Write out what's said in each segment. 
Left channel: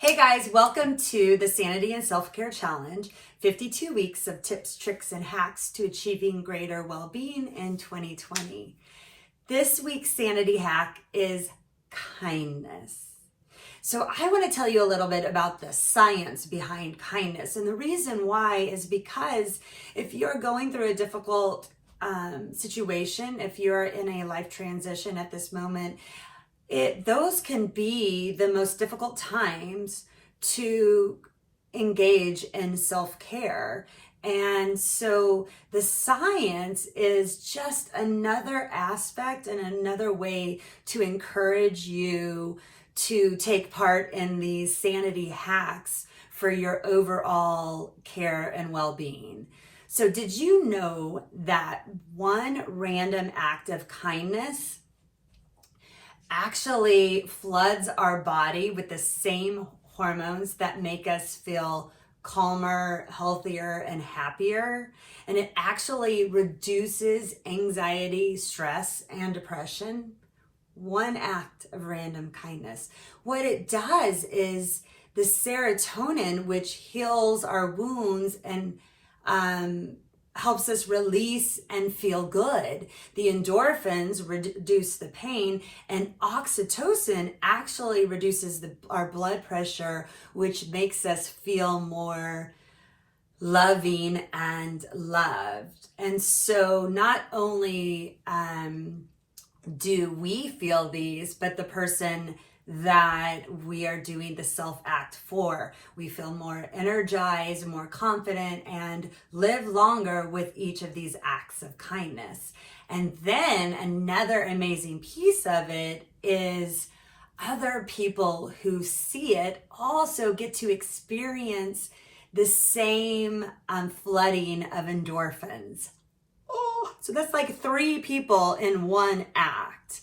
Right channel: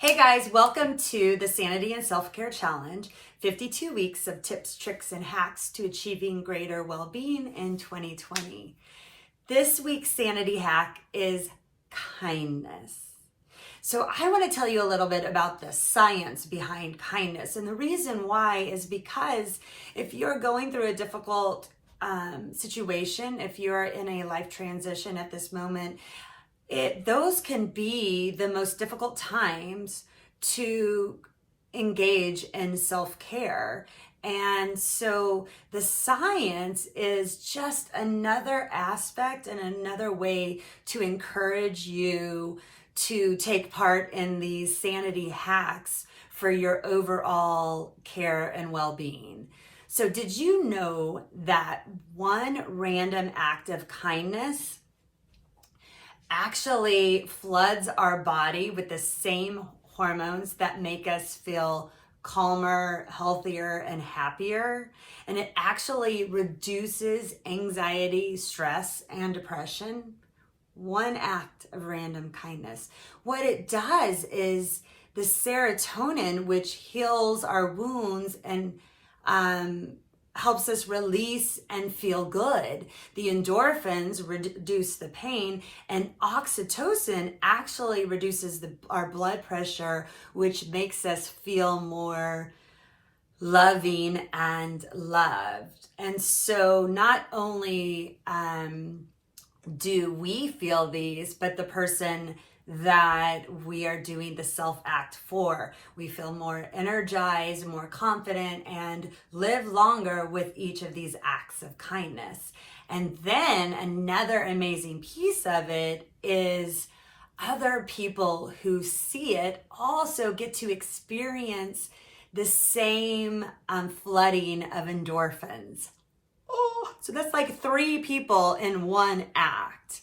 Hey guys, welcome to the Sanity and Self-Care Challenge, 52 weeks of tips, tricks, and hacks to achieving greater well-being in 2020. This week's sanity hack is kindness. So I want to tell you a little bit about the science behind kindness. And the reason why is because if you're going through a difficult situation, if you're in a life transition at this moment, those can be the most difficult times to engage in self-care. And so the science is just another aspect and another way to encourage you to take part in these sanity hacks for your overall care and well-being. So did you know that one random act of kindness actually floods our body with the same hormones that make us feel calmer, healthier, and happier? And it actually reduces anxiety, stress, and depression. One act of random kindness. What it does is the serotonin, which heals our wounds and helps us release and feel good. The endorphins reduce the pain, and oxytocin actually reduces our blood pressure, which makes us feel more loving and loved. And so not only do we feel these, but the person that we are doing the self act for, we feel more energized, more confident, and live longer with each of these acts of kindness. And then another amazing piece of it is other people who see it also get to experience the same flooding of endorphins. Oh, so that's like 3 people in one act.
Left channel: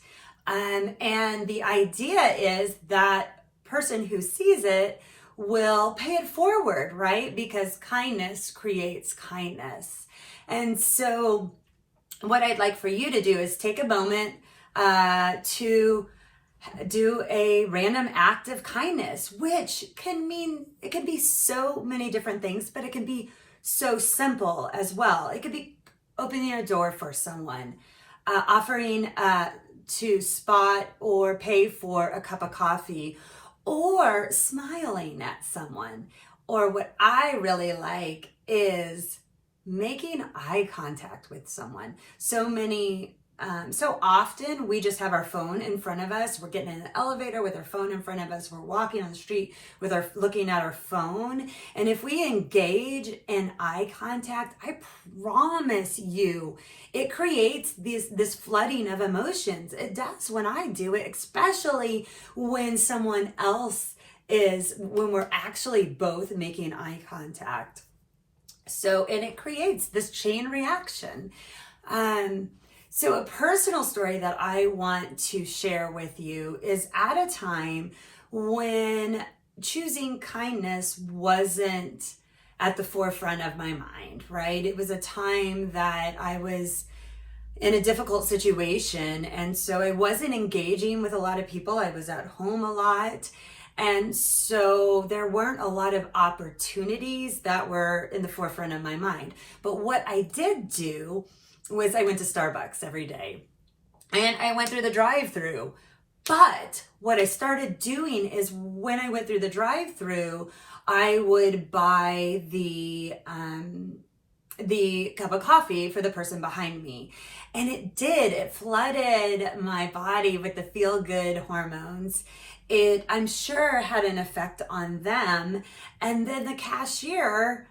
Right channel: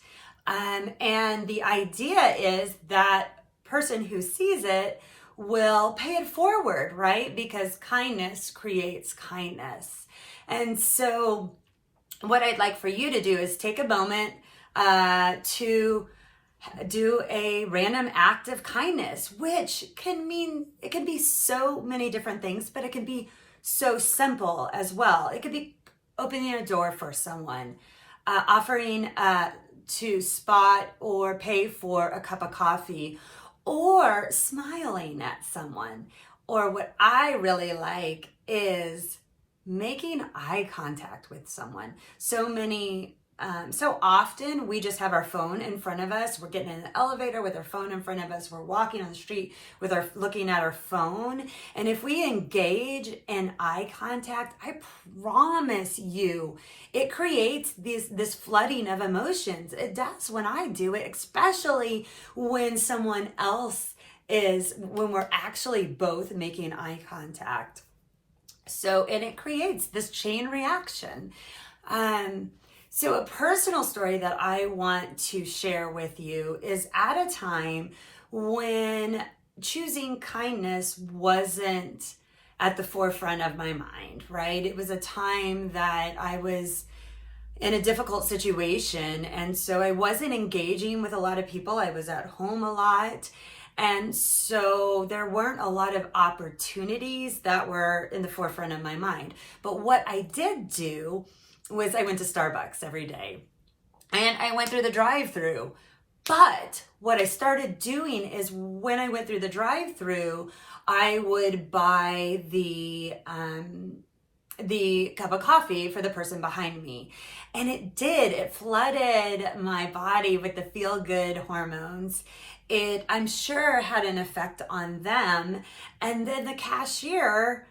And the idea is that person who sees it will pay it forward, right? Because kindness creates kindness. And so what I'd like for you to do is take a moment to do a random act of kindness, which can mean, it can be so many different things, but it can be so simple as well. It could be opening a door for someone, offering to spot or pay for a cup of coffee, or smiling at someone. Or what I really like is making eye contact with someone. So often we just have our phone in front of us. We're getting in an elevator with our phone in front of us. We're walking on the street with looking at our phone. And if we engage in eye contact, I promise you, it creates this flooding of emotions. It does when I do it, especially when someone else when we're actually both making eye contact. And it creates this chain reaction. So a personal story that I want to share with you is at a time when choosing kindness wasn't at the forefront of my mind, right? It was a time that I was in a difficult situation, and so I wasn't engaging with a lot of people. I was at home a lot, and so there weren't a lot of opportunities that were in the forefront of my mind. But what I did do was I went to Starbucks every day, and I went through the drive-through. But what I started doing is when I went through the drive-through, I would buy the cup of coffee for the person behind me. And it flooded my body with the feel-good hormones. I'm sure had an effect on them. And then the cashier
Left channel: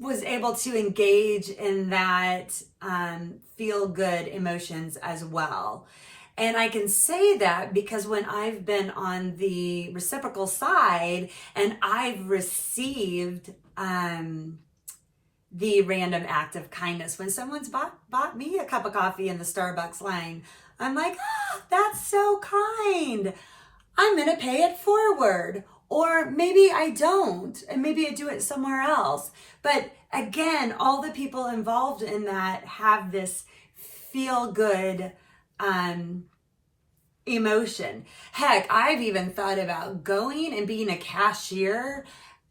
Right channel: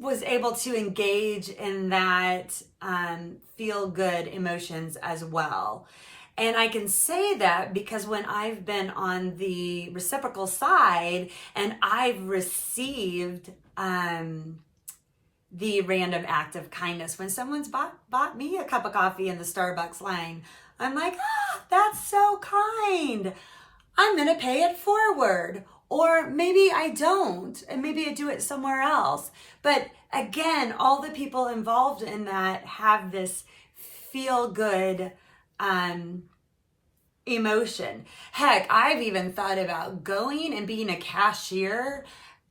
was able to engage in that feel-good emotions as well. And I can say that because when I've been on the reciprocal side and I've received the random act of kindness, when someone's bought me a cup of coffee in the Starbucks line, I'm like, that's so kind. I'm going to pay it forward. Or maybe I don't, and maybe I do it somewhere else. But again, all the people involved in that have this feel good emotion. Heck, I've even thought about going and being a cashier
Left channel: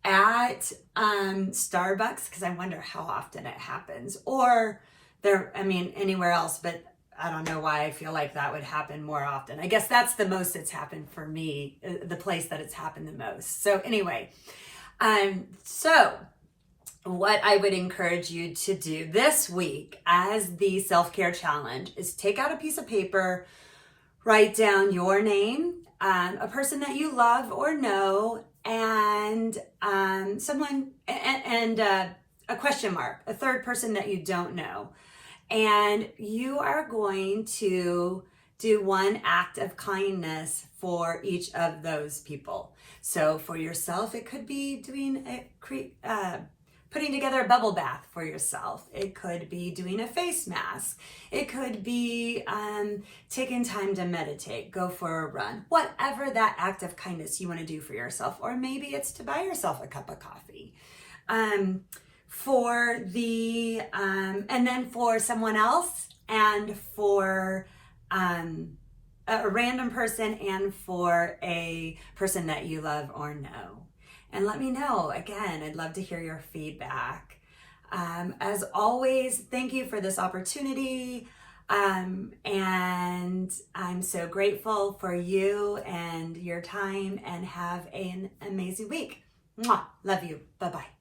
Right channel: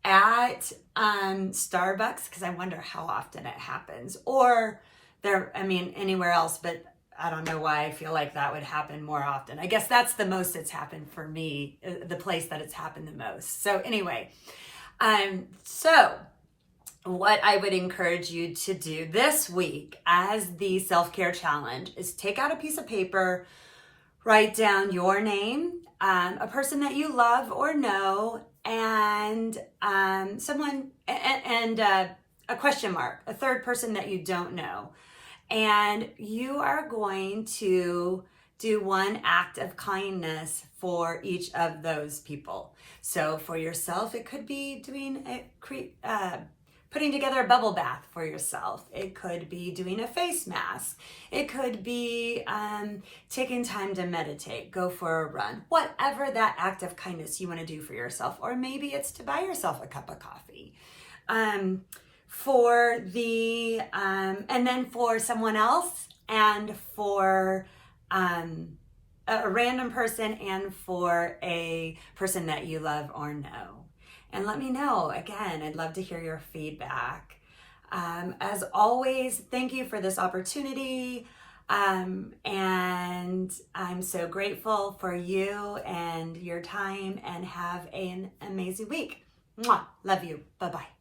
at Starbucks, because I wonder how often it happens, or anywhere else, but I don't know why I feel like that would happen more often. I guess that's the most it's happened for me, the place that it's happened the most. So anyway, so what I would encourage you to do this week as the self-care challenge is take out a piece of paper, write down your name, a person that you love or know, and someone, and a question mark, a third person that you don't know. And you are going to do one act of kindness for each of those people. So for yourself, it could be putting together a bubble bath for yourself. It could be doing a face mask. It could be taking time to meditate, go for a run, whatever that act of kindness you want to do for yourself. Or maybe it's to buy yourself a cup of coffee. And then for someone else, and for a random person, and for a person that you love or know. And let me know. Again, I'd love to hear your feedback. As always, thank you for this opportunity. And I'm so grateful for you and your time, and have an amazing week. Mwah. Love you. Bye-bye.